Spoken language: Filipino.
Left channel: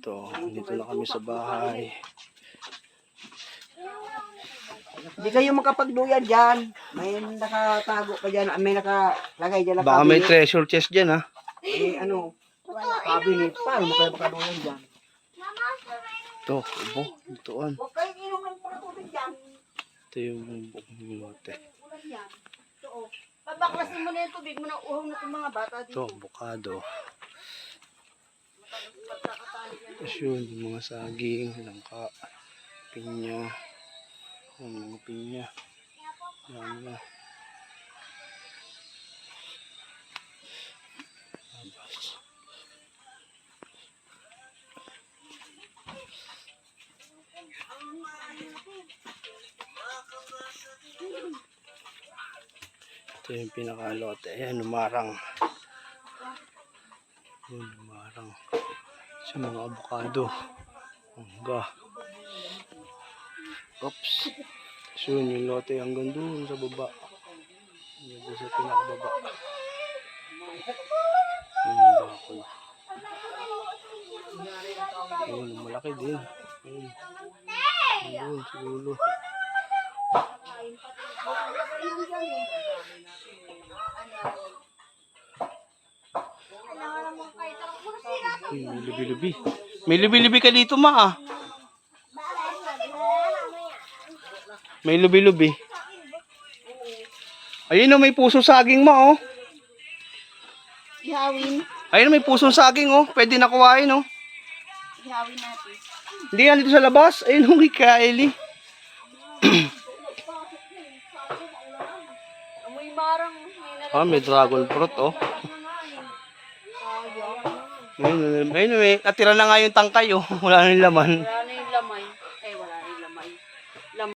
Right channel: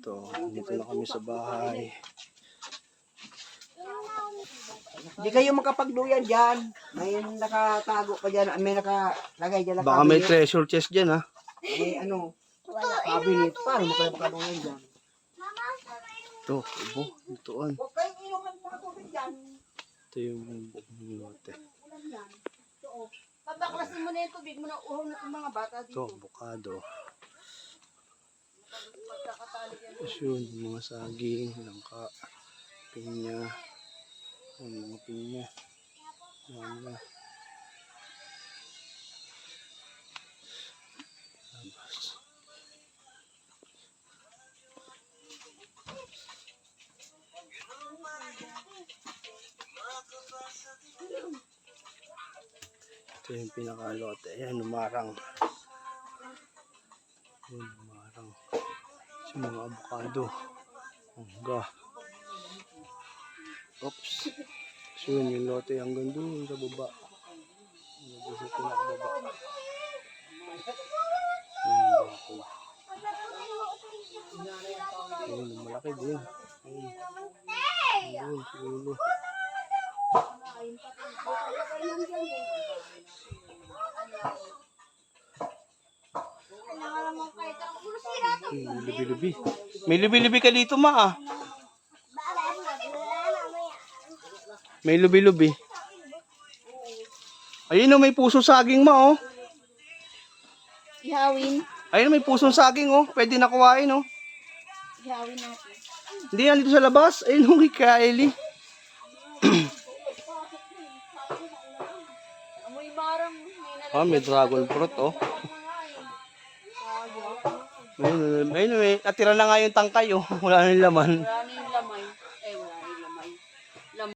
Ito, dito na kami sa bahay. Hindi kayo makapagduyan dyan. May nakatago pa dyan. May nakalagay dyan na Baka may cabinet. treasure chest dyan, ha? May cabinet. Paano mo kayo makaduyan dyan? Ito, ubo. Itoan. Huwag kayo inom ng tubig dyan. Ito yung lote. Pabaklasin mo na yung tubig mo na uhaw na itong mga bata Ito, dito. avocado. Tapos yun, yung mga saging, langka, pinya. Yung mga pinya. Yan na. Ito yung pinakalote. Ayan, umarang. Yun, umarang. Sa mga avocado. Hangga. Oops. So yun, yung lote hanggang doon sa baba. Hanggang sa pinakababa. Yun yung bakol. Ayun, malaki din. Ayun. Ayun, siguro. May lubi-lubi. May lubi-lubi ka dito, ma, ah. May lubi-lubi. Ayun, oh, may pusong saging, ma, oh. Ihawin. Ayun, may pusong saging, oh. Pwede na kuhain, oh. Ihawin natin. Hindi yan dito sa labas. Ayun, oh, kay Ellie. Amoy marang. Ah, may dragon fruit, oh. Ayun, ayun, natira na nga yung tangkay, oh. Wala nang laman.